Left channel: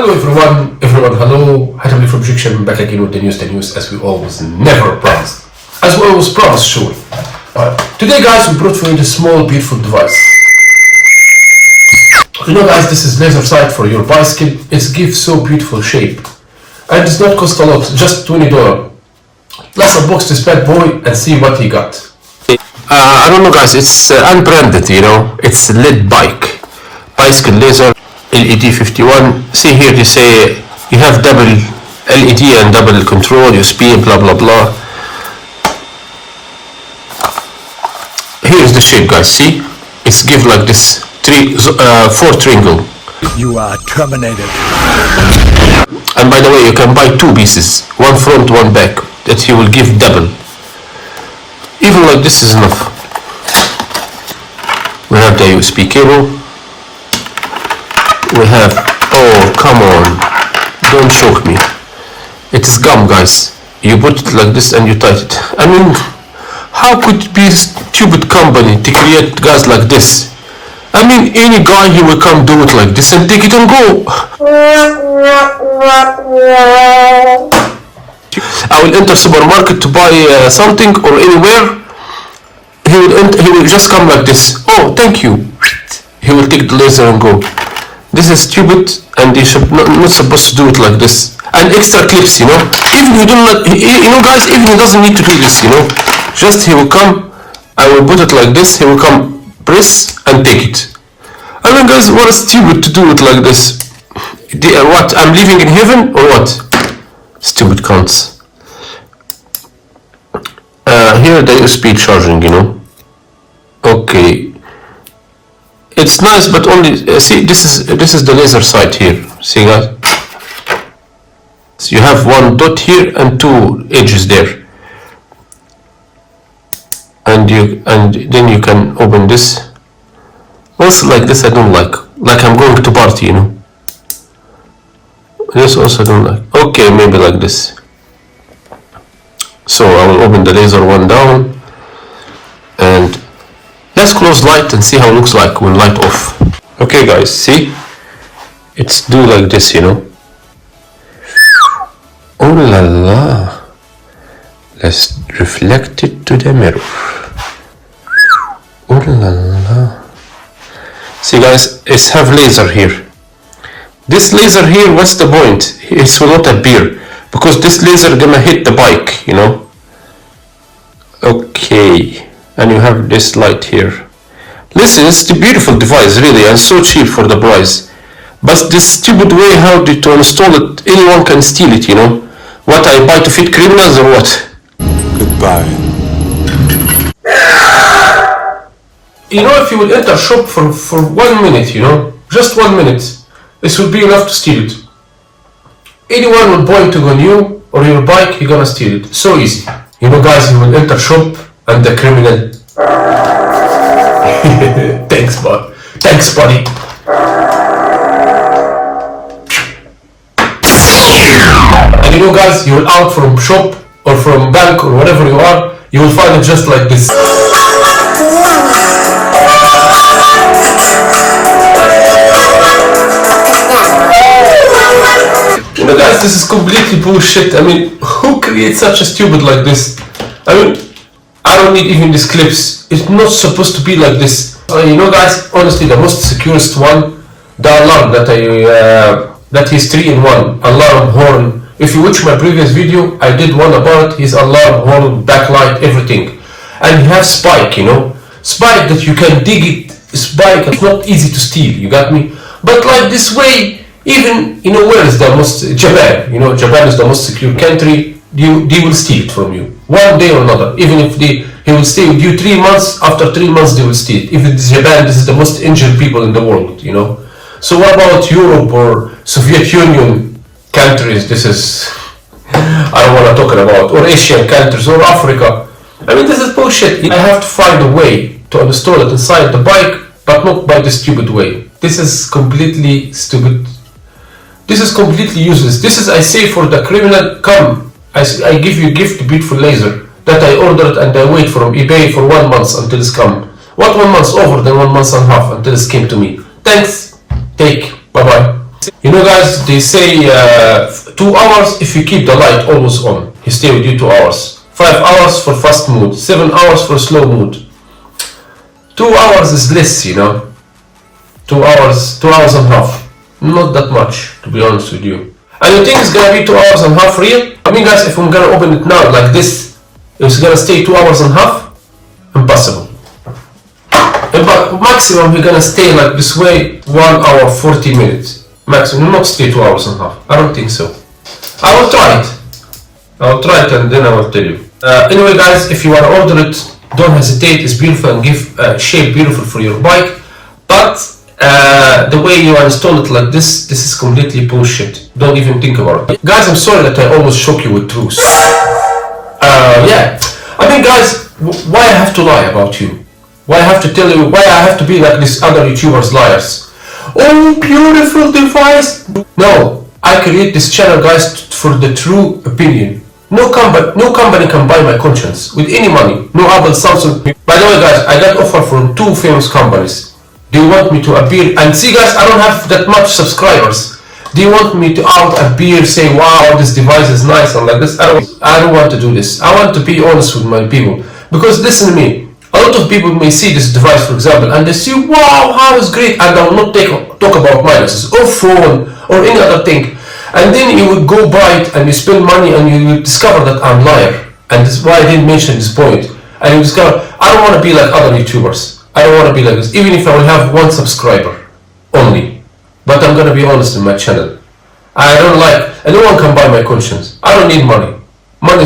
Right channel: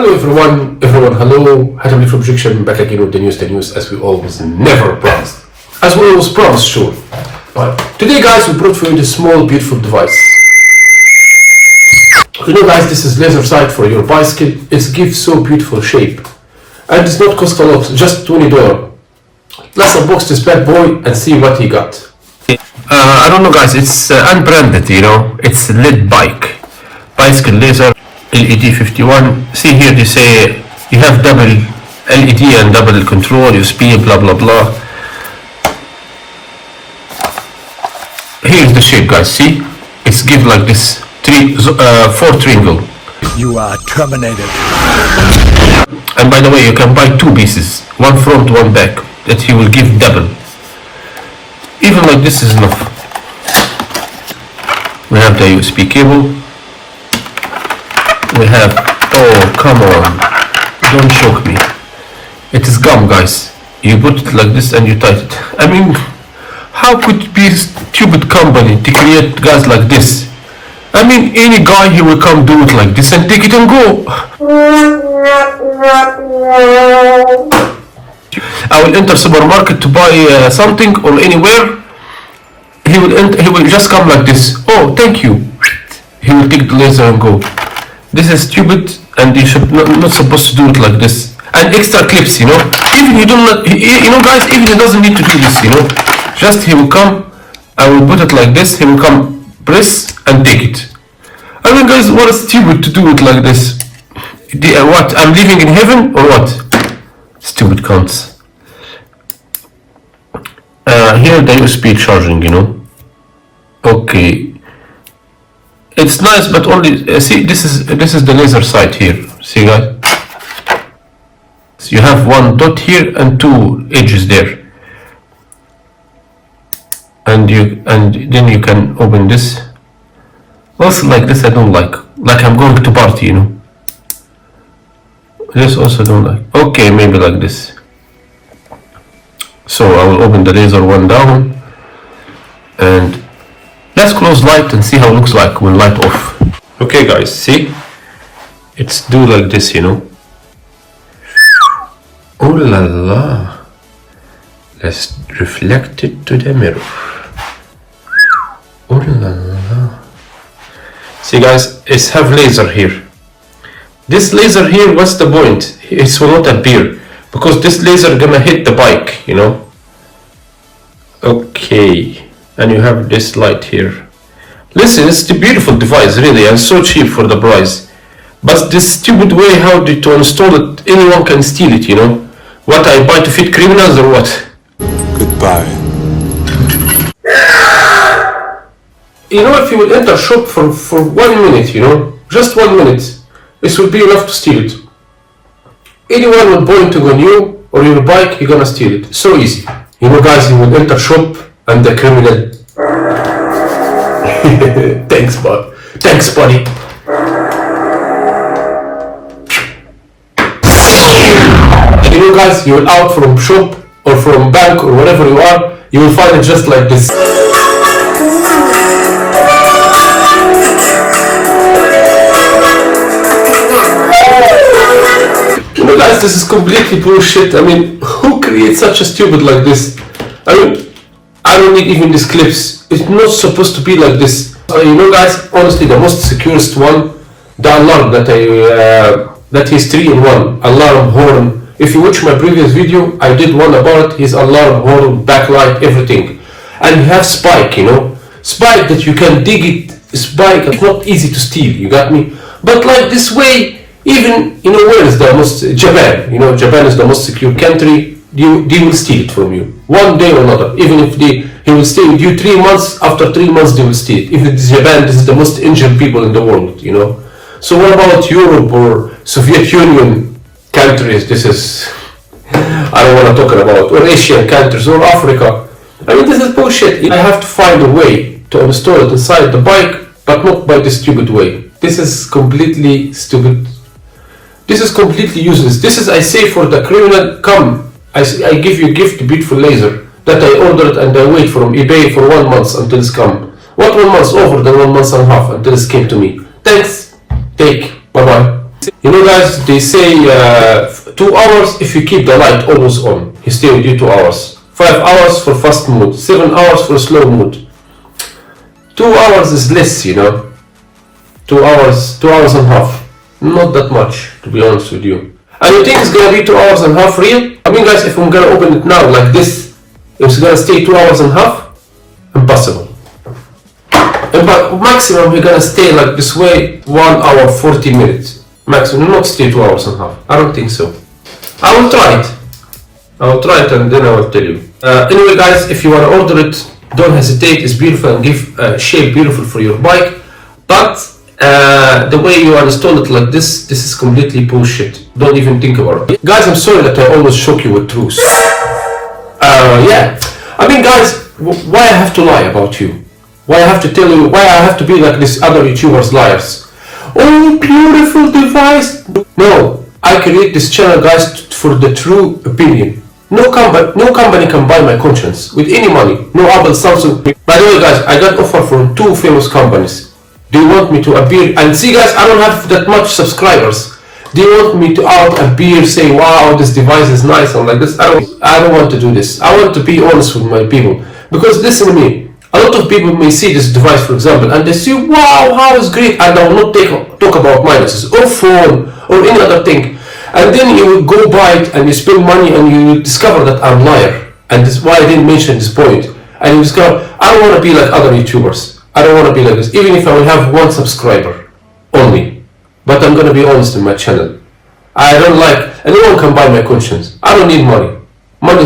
Hello everyone, hello, Hatem from Objection, back again with the news as we always never promised. As we always promised, sure. Today guys, we brought for you this small beautiful device. You know guys, this is laser sight for your bicycle. It gives so beautiful shape. And it's not cost a lot, just $20. Let's unbox this bad boy and see what he got. I don't know guys, it's unbranded, you know, it's a LED bicycle laser. LED 51. See here they say you have double LED and double control, USB, blah blah blah. Here's the shape guys, see? It's give like this, four triangle. You are terminated. And by the way, you can buy two pieces, one front, one back, that he will give double. Even like this is enough. We have the USB cable. We have, oh come on, don't choke me. It is gum guys. You put it like this and you tight it. I mean, how could it be a stupid company to create guys like this? I mean, any guy he will come do it like this and take it and go. I will enter supermarket to buy something or anywhere. He will just come like this. Oh, thank you. He will take the laser and go. This is stupid, and you should not supposed to do it like this. And extra clips, you know. Even you don't, you know, guys. Even he doesn't need to do this, you know. Just he will come. I will put it like this. He will come, press and take it. I mean, guys, what is stupid to do it like this? What? I'm living in heaven or what? Stupid cunts. Here the USB charging, you know. Okay. It's nice, but only see this is the laser sight here. See guys, so you have one dot here and two edges there, and then you can open this. Also like this I don't like I'm going to party, you know. This also I don't like. Okay, maybe like this. So I will open the laser one down and let's close light and see how it looks like when light off. Okay guys, see? It's do like this, you know. Oh la la. Let's reflect it to the mirror. Oh la la. See guys, it's have laser here. This laser here, what's the point? It will not appear because this laser gonna hit the bike, you know. Okay. And you have this light here. Listen, it's a beautiful device really and so cheap for the price. But this stupid way how to install it, anyone can steal it, you know. What, I buy to fit criminals or what? Goodbye. You know, if you will enter shop for 1 minute, you know, just 1 minute, this will be enough to steal it. Anyone will point to you or your bike, you're gonna steal it. So easy. You know guys, you will enter shop and the criminal. Thanks buddy. And you know guys, you will out from shop or from bank or wherever you are, you will find it just like this. You know guys, this is completely bullshit. I mean, who creates such a stupid like this? I mean, I don't need even these clips. It's not supposed to be like this. You know guys, honestly the most securest one, the alarm that is 3-in-1, alarm, horn. If you watch my previous video, I did one about his alarm, horn, backlight, everything. And he have spike, you know. Spike that you can dig it, spike, it's not easy to steal, you got me? But like this way, even, you know, where is the most, Japan, you know, Japan is the most secure country. They will steal it from you one day or another. Even if he will stay with you 3 months, after 3 months they will steal it. If it's Japan, this is the most injured people in the world, you know. So what about Europe or Soviet Union countries? This is, I don't want to talk about, or Asian countries or Africa. I mean, this is bullshit. I have to find a way to install it inside the bike, but not by the stupid way. This is completely stupid. This is completely useless. This is, I say, for the criminal, come. I give you a gift, beautiful laser that I ordered and I wait from eBay for 1 month until it's come. What 1 month? Over than 1 month and a half until it came to me. Thanks. Take. Bye bye. You know guys, they say 2 hours if you keep the light always on. He stay with you 2 hours. 5 hours for fast mood. 7 hours for slow mood. 2 hours is less, you know. 2 hours and a half. Not that much, to be honest with you. And you think it's gonna be 2 hours and a half real? I mean guys, if I'm gonna open it now like this, it's gonna stay 2 hours and a half? Impossible. But maximum you're gonna stay like this way 1 hour 40 minutes. Maximum, not stay 2 hours and a half. I don't think so. I will try it. And then I will tell you. Anyway guys, if you wanna order it, don't hesitate. It's beautiful and give shape beautiful for your bike. But the way you install it like this is completely bullshit. Don't even think about it. Guys, I'm sorry that I always shock you with truth. Yeah. I mean guys, why I have to lie about you? Why I have to tell you, why I have to be like these other YouTubers liars? Oh, beautiful device. No, I create this channel guys for the true opinion. No company can buy my conscience with any money. No Apple, Samsung. By the way guys, I got offer from 2 famous companies. They want me to appear, and see guys, I don't have that much subscribers. They want me to appear, say wow, this device is nice and like this. I don't want to do this. I want to be honest with my people. Because listen to me, a lot of people may see this device for example and they say wow, how is great, and I will not talk about minuses or phone or any other thing. And then you will go buy it and you spend money and you will discover that I'm liar. And this is why I didn't mention this point. And you discover, I don't want to be like other YouTubers. I don't want to be like this, even if I will have 1 subscriber only. But I'm gonna be honest in my channel. I don't like, and no one can buy my conscience. I don't need money. Money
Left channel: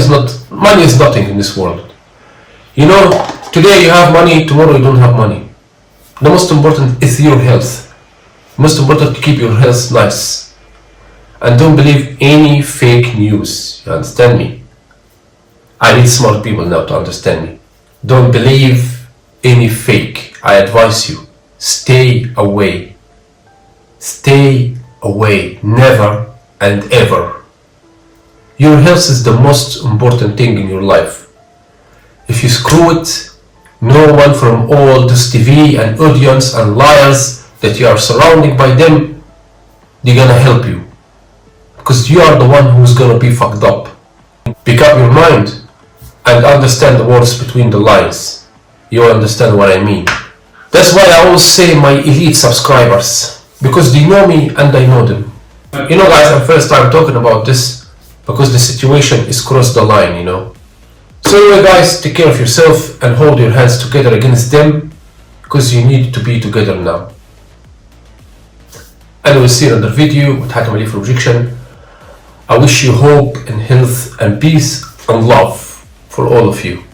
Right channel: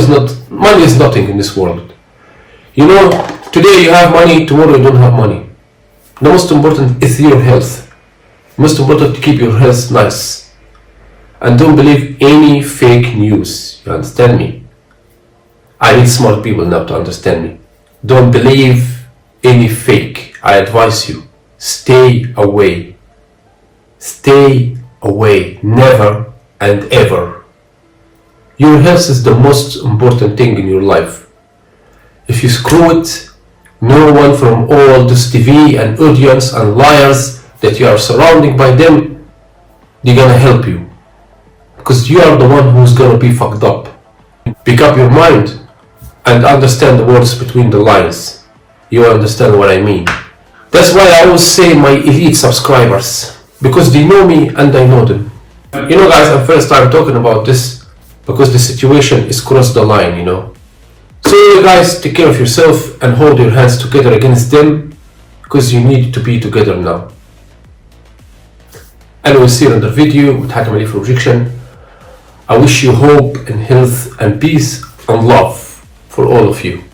is nothing in this world. You know, today you have money, tomorrow you don't have money. The most important is your health. Most important to keep your health nice. And don't believe any fake news. You understand me? I need smart people now to understand me. Don't believe any fake. I advise you, stay away. Stay away, never and ever. Your health is the most important thing in your life. If you screw it, no one from all this TV and audience and liars that you are surrounded by them, they're gonna help you. Because you are the one who's gonna be fucked up. Pick up your mind and understand the words between the lines. You understand what I mean. That's why I always say my elite subscribers, because they know me and I know them. You know guys, I'm first time talking about this because the situation is crossed the line, you know. So anyway guys, take care of yourself and hold your hands together against them, because you need to be together now. And we'll see you in another video with Hatem for Objection. I wish you hope and health and peace and love for all of you.